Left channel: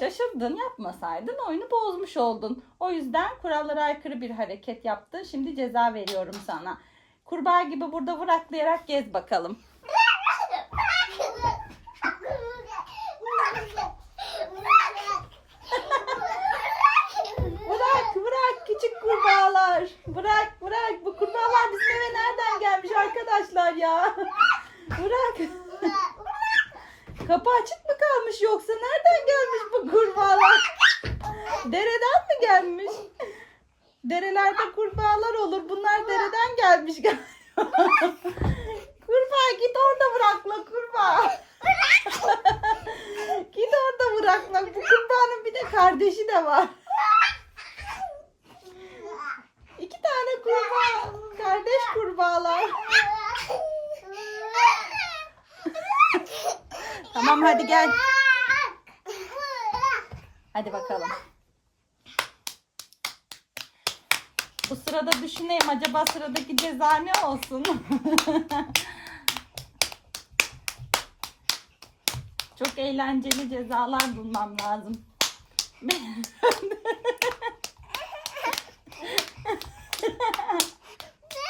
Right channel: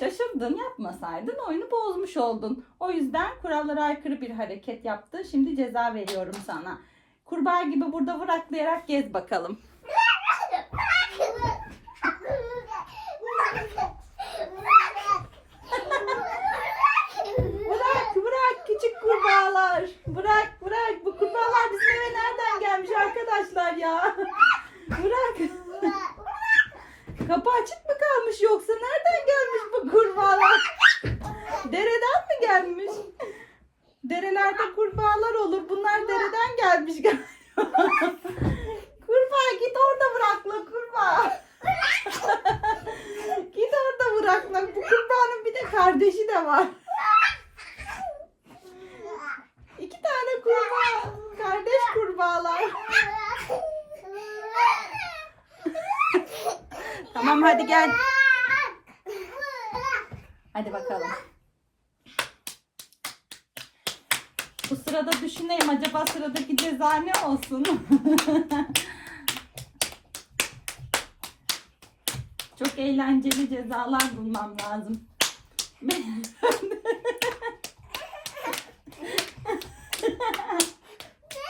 yaptın. Yapmasaydın oyunu bozmuş oldun. O yüzden kurallara aykırı bir hareket yaptın. Şimdi ceza veriyorum sana. Kurbağa gibi burada vıraklayarak gez bakalım. Bırak bırak küçük kurbağalar. Bırak bırak. Bu kurbağalar bizim eve nereden gelmiş arkadaşlar ya? Bırak. Kapı açık mı kalmış yoksa nereden gelmiş kurbağalar? Dereden mi gelmiş? Derelerde kurbağalar olur. Bunlar dereden gelmiş galiba. kurbağa git orada bırakma kurbağa. git orada bırakma. Bu kurbağanın bir de kardeşi de var. İki tane kurbağa. Kardeş kurbağalar. Tamam hadi gel. Hadi bakalım. Bu sırada düşüneyim acaba sıradaki ceza ne olsun? Çok eğlenceli cezalar bulmam lazım.